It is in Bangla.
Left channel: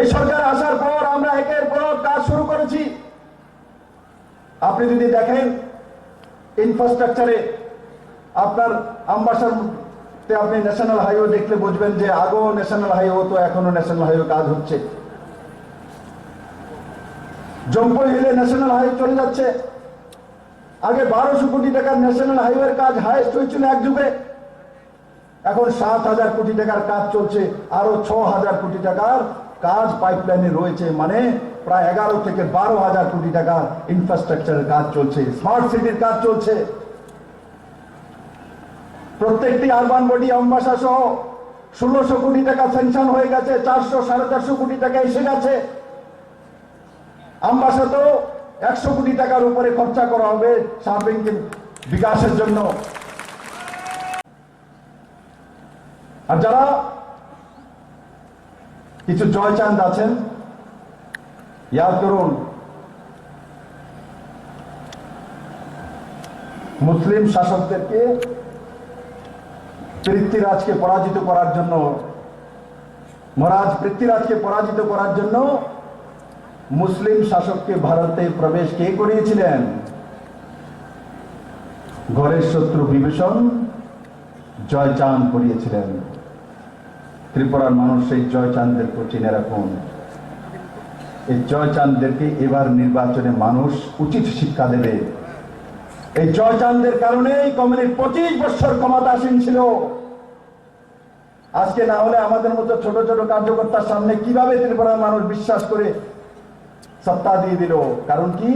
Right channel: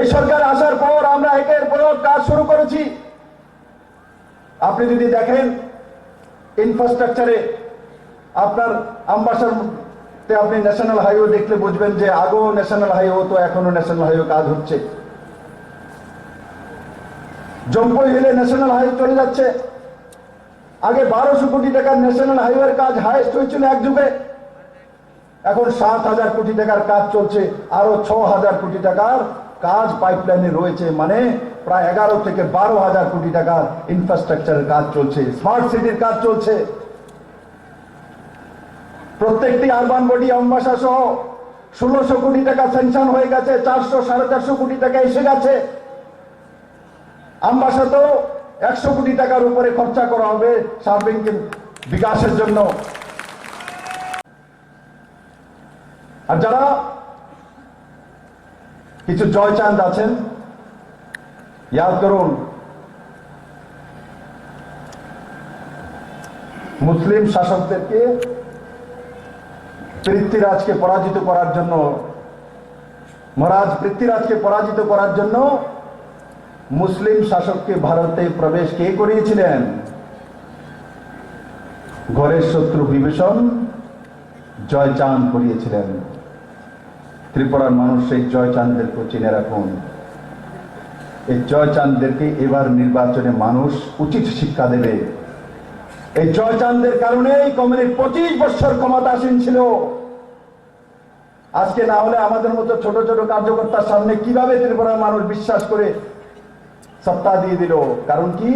এই সরকার আসার পর আমরা একের পর কাজ শুরু করেছি। আপনি যদি দেখেন ইনফ্রাস্ট্রাকচারে, আপনার আমবাসাতে আপনি ন্যাশনাল হাইওয়ে দেখলে বুঝবেন যে আগেও ন্যাশনাল হাইওয়ে হতো, এখনো ন্যাশনাল হাইওয়ে কাজ হচ্ছে। জম্পই হিলে ন্যাশনাল হাইওয়ে চলে যাচ্ছে। আগে 1200 কোটি টাকার ন্যাশনাল হাইওয়ের কাজ হাইয়েস্ট হয়েছিল এক যুগে, এখন 7,000 কোটি টাকার কাজ চলছে, আরো 6,000 কোটি টাকার কাজ পাইপলাইনে রয়েছে, মানে প্রায় 11 থেকে 12,000 কোটি টাকার ইনফ্রাস্ট্রাকচারের কাজ চলছে, স্মার্ট সিটির কাজ চলছে। প্রত্যেকটি আরবান বডি আমবাসা সহ 1600 কোটি টাকা স্যাংশন হয়ে গেছে, 400-450 কোটি টাকা এসে গেছে। আমবাসাতেও 100 কোটি টাকার উপরে খরচা করা হবে সার্বিক বিকাশের জন্য। আর যারা কিছু জয়চাঁদ আছেন, ইয়াদ করুন, মুসলিম শাসকদেরকে পৃথ্বীরাজকে পরাজিত করার জন্য, মহারাজ পৃথ্বীরাজকে পরাজিত করার জন্য মুসলিম শাসককে ভারতে প্রবেশ কে করিয়েছিলেন? ঘরের শত্রু বিভীষণ জয়চাঁদ করিয়েছিলেন। ত্রিপুরার মানুষ সেই জয়চাঁদদেরকে চিনে রাখুন। এই জয়চাঁদদেরকে এবার নির্বাচনে মানুষ উচিত শিক্ষা দেবে। এই জয়চাঁদের কারণেই কমিউনিস্ট 25 বছর ক্ষমতাসীন ছিল। আজকে না হলে আমাদের মতো ছোট ছোট কার্যকর্তার সামনে কিভাবে ত্রিপুরার মানুষ বিশ্বাস করে সত্তা দিয়ে দিল? কারণ কি?